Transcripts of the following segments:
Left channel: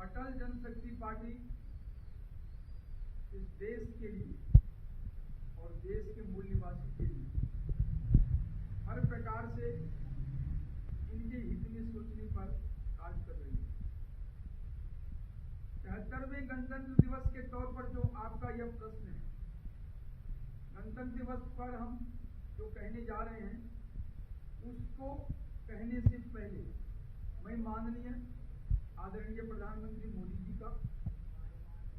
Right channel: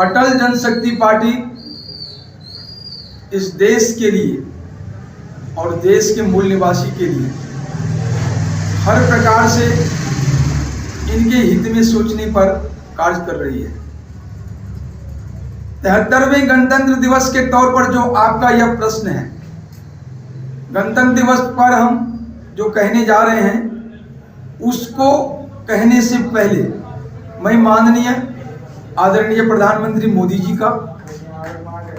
अटल जनशक्ति party इस देश के लिए और देश के मूल निवासी के लिए हर प्रकार से इनके हित में सोचने पर कार्य कर रही है। 73वें गणतंत्र दिवस के तौर पर जो आपका यह प्रश्न है, गणतंत्र दिवस पर हम जो कहने जा रहे हैं उसको कहने से पहले मैं माननीय आदरणीय प्रधानमंत्री मोदी जी का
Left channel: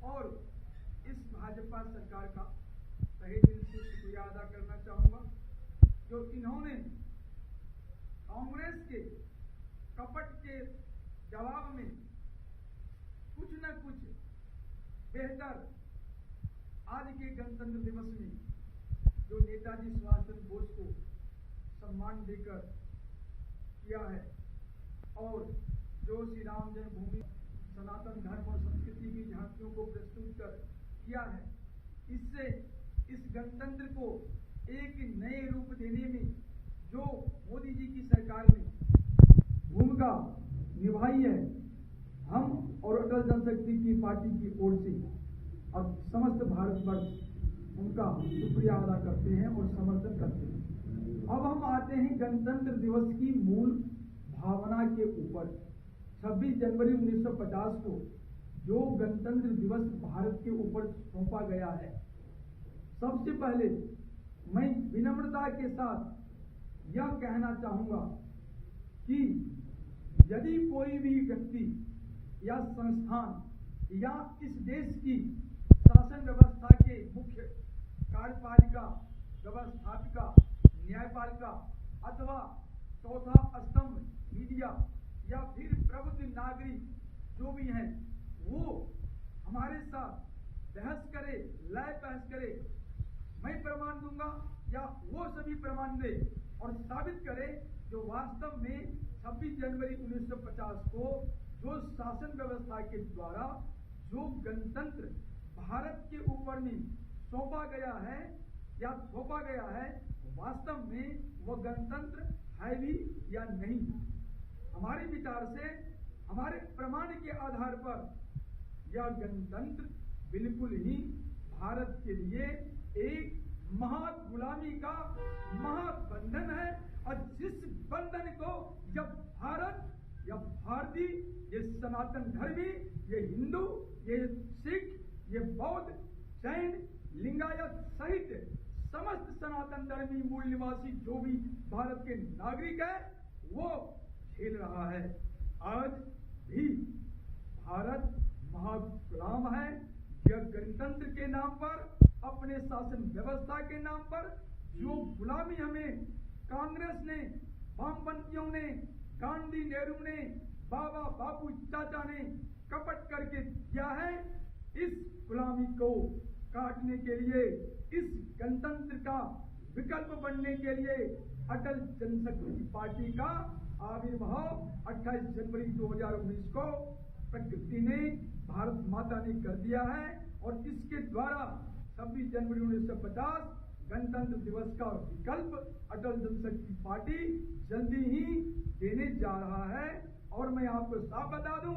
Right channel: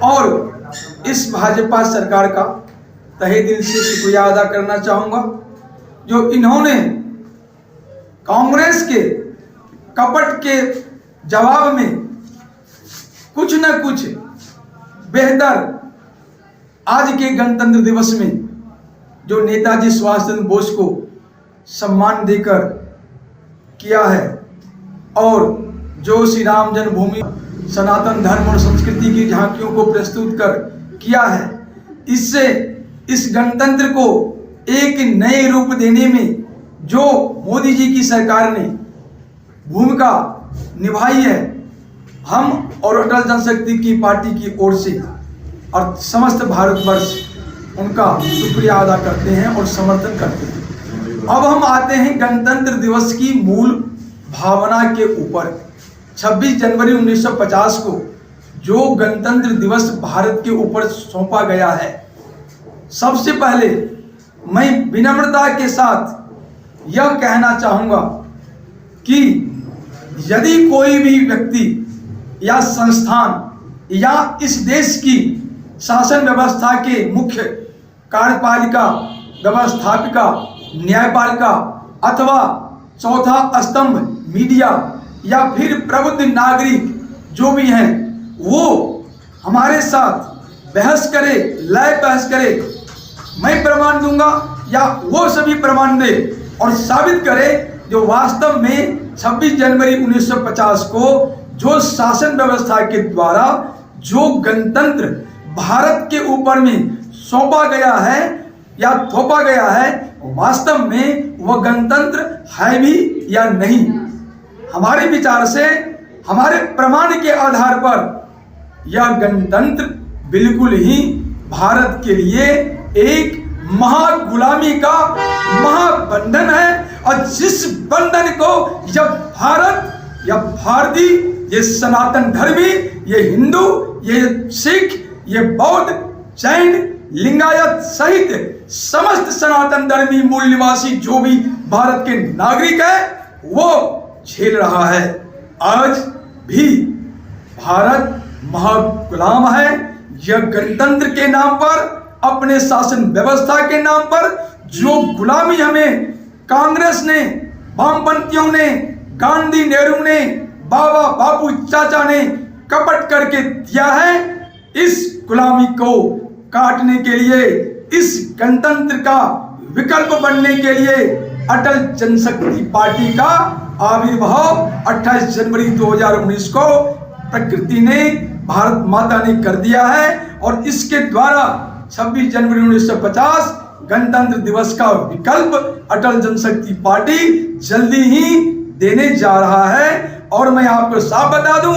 और इस भाजपा सरकार का तहे दिल से शुक्रिया अदा करना चाहूंगा, जो इन्होंने कांग्रेस के कपट के जवाब में कुछ न कुछ बेहतर आज के गणतंत्र दिवस में जो नेताजी सुभाष चंद्र बोस को सम्मान देकर किया है और जो श्री राम जन्मभूमि सनातन धर्म और संस्कृति की झांकियों को प्रस्तुत कर किया है, इससे इस गणतंत्र को एक नए रूप देने में जो मोदी जी की सरकार ने भूमिका निभाई है, हम और अटल जनशक्ति की पार्टी की ओर से और समस्त भारतवर्ष उनका शुक्रिया अदा करते हैं और समर्थन करते हैं। अब हम आते हैं गणतंत्र दिवस की मूल भावना के ऊपर। 26 जनवरी 1950 को जो गणतंत्र दिवस भारत के ऊपर सौंपा गया है, सबसे पहले मैं विनम्रता के साथ यह कहना चाहूंगा कि यदि कोई भी व्यक्ति या संस्थान या इस देश की शासन व्यवस्था के मुख्य कार्यपालिका, व्यवस्थापिका, न्यायपालिका अथवा चौथा स्तंभ मीडिया या फिर प्रबुद्ध नागरिक जो भी हैं, वो हमारे साथ बहस करे, लय बहस करे, मैं प्रमाण दूंगा या वो सभी प्रमाण दे और साबित करे जो वास्तव में 26 जनवरी 1950 को जो शासन व्यवस्था के द्वारा जो गणतंत्र भारत के ऊपर में सौंपा गया है या थोपा गया है, वास्तव में वह गणतंत्र है भी या नहीं। हमारे विचार से, हमारे प्रमाण के आधार पर यह गणतंत्र बिल्कुल ही भारत के लिए एक महागुलामी का महाबंधन है, और जिस बंधन को यह भारत, यह भारतीय, ये सनातन धर्मी, ये हिंदू, ये सिख, ये बौद्ध, जैन, लिंगायत सहित समस्त सनातन धर्मी मूल निवासी जो भी भारत के नागरिक है वो झेल रहा है। आज भी भारत महागुलाम है। यह गणतंत्र के नाम पर, अपने शासन व्यवस्था के नाम पर जो गुलामी हमें कांग्रेस ने, वामपंथियों ने, गांधी, नेहरू ने, बाबा, बापू, चाचा ने कपट करके दिया है, इस गुलामी को काटने के लिए, इस गणतंत्र का विकल्प बनने के लिए अटल जनशक्ति पार्टी का आविर्भाव 28 जनवरी 2019 को प्रकृति ने, भारत माता ने कर दिया है, और इसके द्वारा 26 जनवरी 1950 गणतंत्र दिवस का विकल्प अटल जनशक्ति पार्टी जल्दी ही देने जा रहा है। और मैं आपको साफ बता दूं,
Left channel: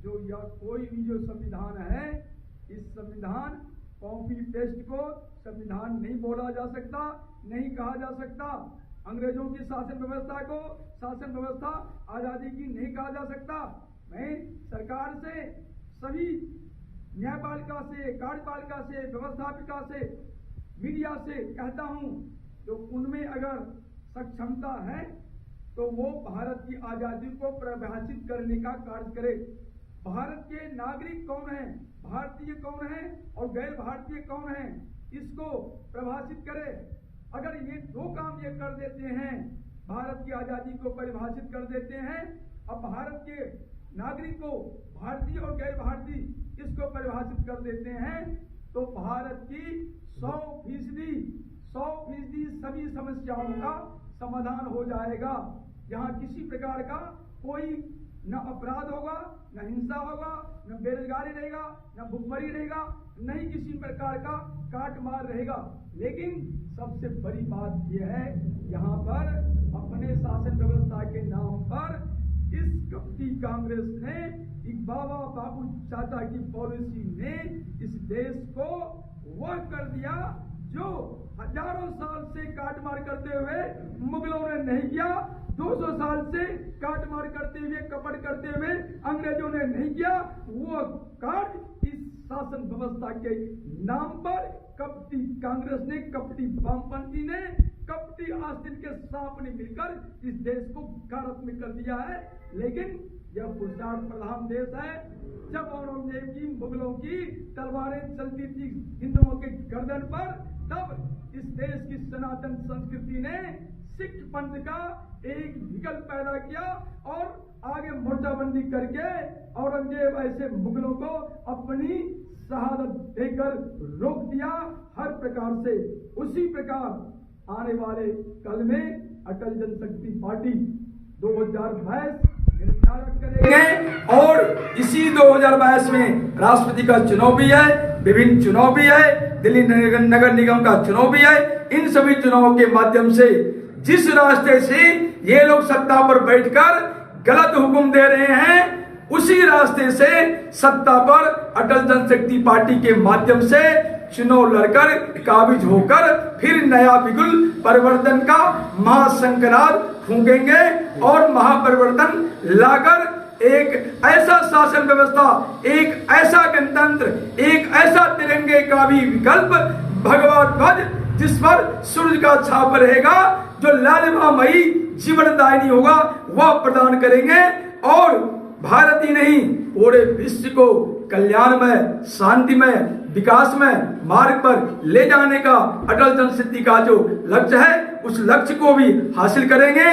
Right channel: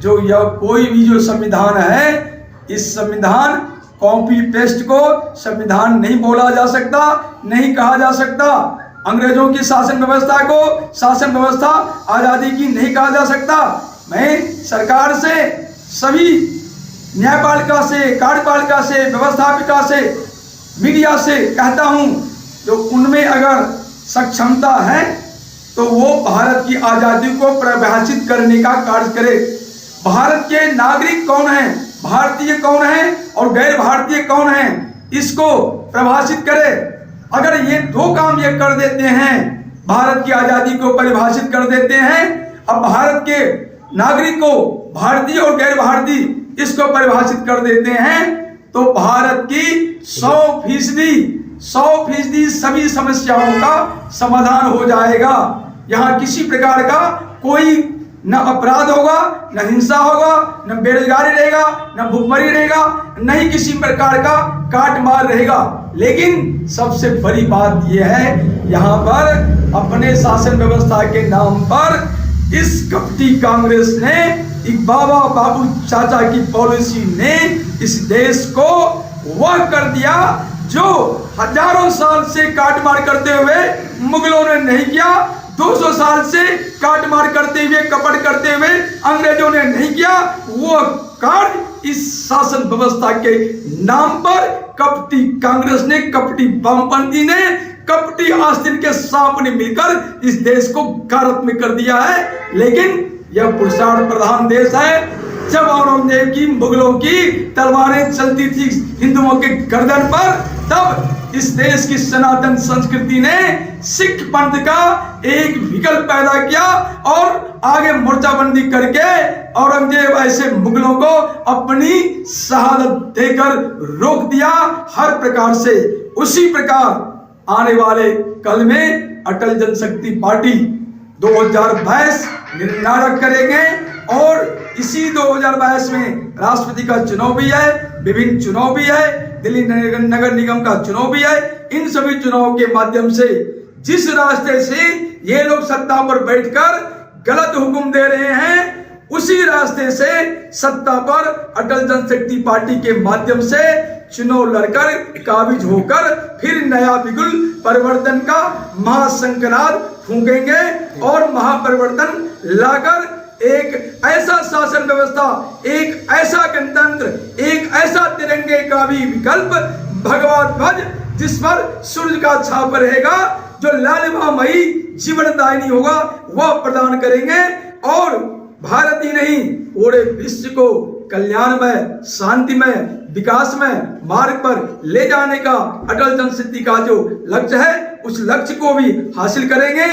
जो यह कोई भी जो संविधान है, इस संविधान कॉपी पेस्ट को संविधान नहीं बोला जा सकता, नहीं कहा जा सकता। अंग्रेजों की शासन व्यवस्था को शासन व्यवस्था आजादी की नहीं कहा जा सकता। मैं सरकार से, सभी न्यायपालिका से, कार्यपालिका से, व्यवस्थापिका से, मीडिया से कहता हूं, जो उनमें अगर सक्षमता है तो वो भारत की आजादी को परिभाषित करने का कार्य करे। भारत के नागरिक कौन है, भारतीय कौन है और गैर भारतीय कौन है, इसको परिभाषित करे। अगर ये दो काम ये कर देते हैं, भारत की आजादी को परिभाषित कर देते हैं, अब भारत के नागरिक को भारतीय और गैर भारतीय इसको परिभाषित कर देते हैं, तो भारत की 100% सभी समस्याओं का समाधान हो जाएगा। यहाँ किसी प्रकार का कोई न अपराध होगा, न हिंसा होगा, न बेरोजगारी रहेगा, न भुखमरी रहेगा, न ही किसी प्रकार का काट मार रहेगा। लेकिन सबसे बड़ी बात यह है, यहाँ पर अपने शासन व्यवस्था के नाम पर इस कपटी कांग्रेस ने, एक बाबा बाबू चाचा की पॉलिसी ने इस देश को वह कर दिया जो हजारों साल से काट मार करते हुए मुगलों ने नहीं किया, 200 साल से काट मार करते हुए, कपट करते हुए अंग्रेजों ने नहीं किया। वो कार्य इस शासन व्यवस्था के नाम पर कपटी कांग्रेस ने, कपटी वामपंथी ने, कपटी आस्तीन के सांप ने मिलकर इस देश को गारत में कर दिया है। लेकिन यह पुरुषार्थ प्रधान देश है। जब औरंगजेब की, मुगलों की तलवारें चलती थी हिंदुओं के गर्दन पर, तब इस देश की सनातन संस्कृति ने सिख पंथ का एक विकल्प पैदा किया और आगे मोर्चाबंदी करके औरंगजेब ऐसे मुगलों को अपनी शहादत देकर रोक दिया हर प्रकार से। उसी प्रकार आने वाले कल में अटल जनशक्ति पार्टी 2022 निर्णायक करेंगे और इसी 2022 में राष्ट्रपति का चुनाव भी है, विभिन्न चुनाव भी है, दिल्ली नगर निगम का चुनाव भी है। इन सभी चुनावों के माध्यम से जिस रास्ते से ये लोग सत्ता पर बैठकर गलत हुक्म दे रहे हैं, उसी रास्ते से सत्ता पर अटल जनशक्ति पार्टी के माध्यम से चुनाव लड़कर काबिज होकर फिर नया बिगुल परिवर्तन का महाशंखनाद फूंकेंगे और महापरिवर्तन लाकर एक ऐसा शासन व्यवस्था, एक ऐसा गणतंत्र, एक ऐसा तिरंगे का भी विकल्प भगवा ध्वज जिस पर सूर्य का छाप रहेगा, जो लालिमामयी जीवनदायिनी होगा, वह प्रदान करेंगे और भारत ही नहीं पूरे विश्व को कल्याणमय, शांतिमय, विकासमय मार्ग पर ले जाने का अटल जनशक्ति का जो लक्ष्य है, उस लक्ष्य को भी हासिल करेंगे।